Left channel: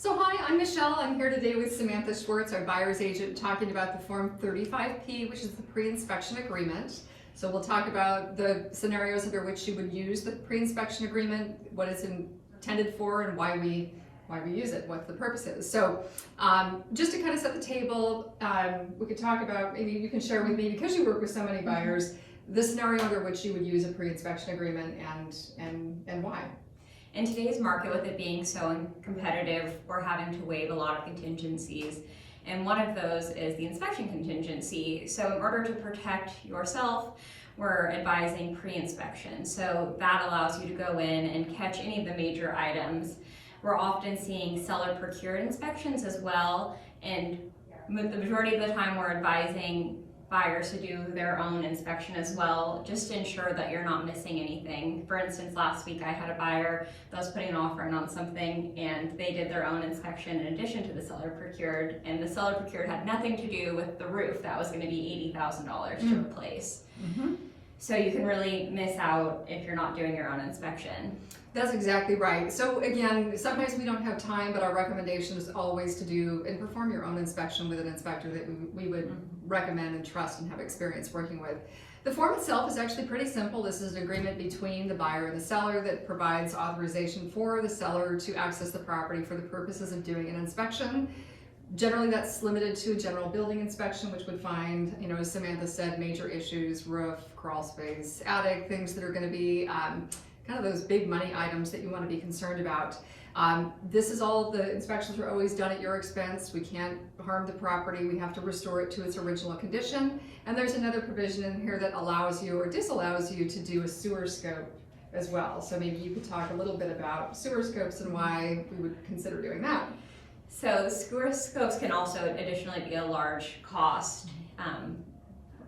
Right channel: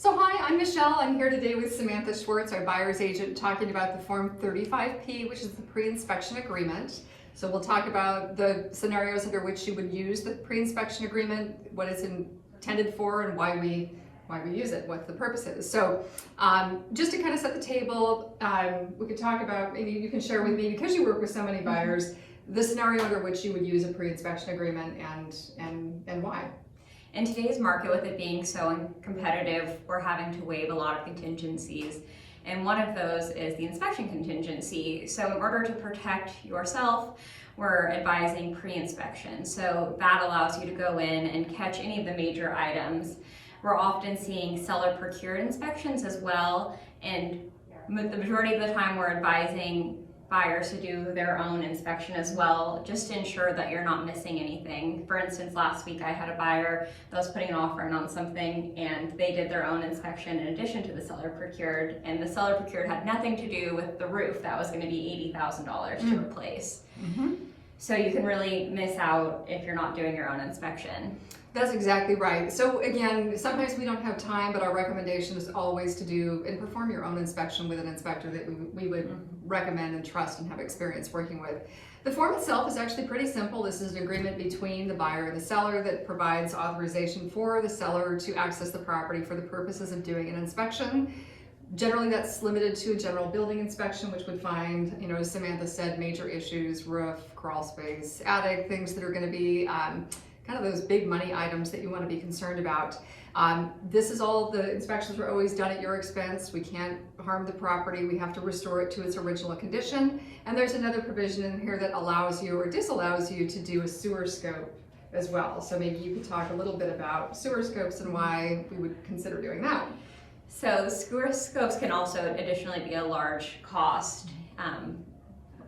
So hi, I'm Michelle. I'm here today with Samantha Schwartz, our buyer's agent, talking about the Form 35P, which is the pre-inspection agreement. So we'll talk about the scenarios under which you would use the pre-inspection agreement, what it's intended for, and why we use it, what the purpose is. So just to kind of set the table, we could talk about, maybe you can share with me, because you work with so many buyers, the scenario under which you would use a pre-inspection agreement and why. In today's market, with it being so competitive, we're having to waive a lot of contingencies. And one of those is the inspection contingency. So in order to protect yourself, we're advising pre-inspection. So that allows you to go in and catch any of the major items. We're often seeing seller procured inspections as well. And the majority of the time we're advising buyers to do their own inspection as well, just to ensure that you're not missing anything. For instance, last week I had a buyer that was putting an offer in on something, and they did their own inspection in addition to the seller procured, and the seller procured had nothing to do with the roof that was going to be $80,000 to replace. So you can really miss out if you're not doing your own inspection. That's exactly right. So again, sometimes we don't have time, but our recommendation is always to do and perform your own inspection with an inspector that we would recommend and trust and have experience working with. The form itself is actually pretty simple. This is an agreement between the buyer and the seller that provides authorization for the seller to access the property for the purposes of doing an inspection. Generally, that's limited to a general building inspection, which would find, as Samantha said, major issues, roof, crawl space, attic, things that are going to be kind of those big money items that you want to be concerned about. This is all of the inspections are always done at your expense. We can't harm the property. We have to restore it to its original condition. And there's another provision in here that allows you or disallows you to do a sewer scope as well. So maybe you could talk a little bit about sewer scopes and why we would consider doing that. So sewer scopes can also additionally be a large cost.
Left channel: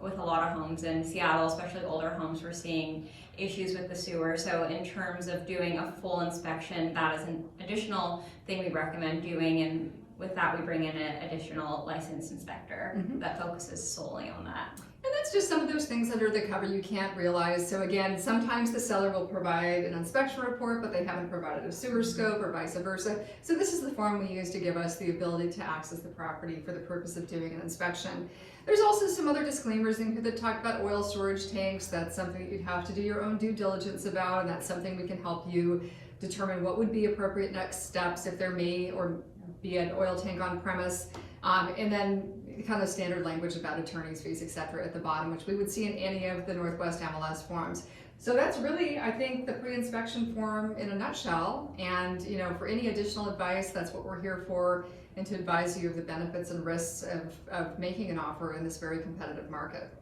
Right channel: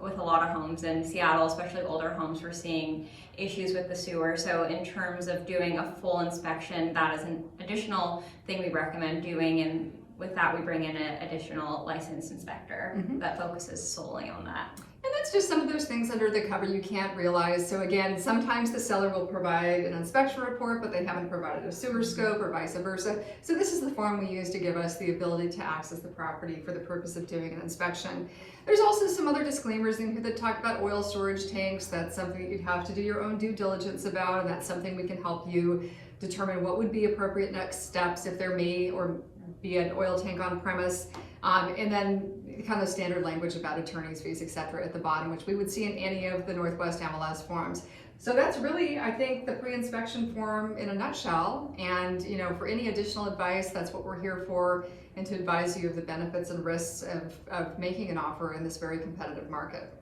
With a lot of homes in Seattle, especially older homes, we're seeing issues with the sewer. So in terms of doing a full inspection, that is an additional thing we recommend doing, and with that we bring in an additional licensed inspector that focuses solely on that. And that's just some of those things under the cover you can't realize. So again, sometimes the seller will provide an inspection report, but they haven't provided a sewer scope or vice versa. So this is the form we use to give us the ability to access the property for the purpose of doing an inspection. There's also some other disclaimers in here that talk about oil storage tanks. That's something that you'd have to do your own due diligence about, and that's something we can help you determine what would be appropriate next steps if there may or be an oil tank on premise. And then kind of standard language about attorney's fees, etc. at the bottom, which we would see in any of the Northwest MLS forms. So that's really, I think, the pre-inspection form in a nutshell. And for any additional advice, that's what we're here for, and to advise you of the benefits and risks of making an offer in this very competitive market.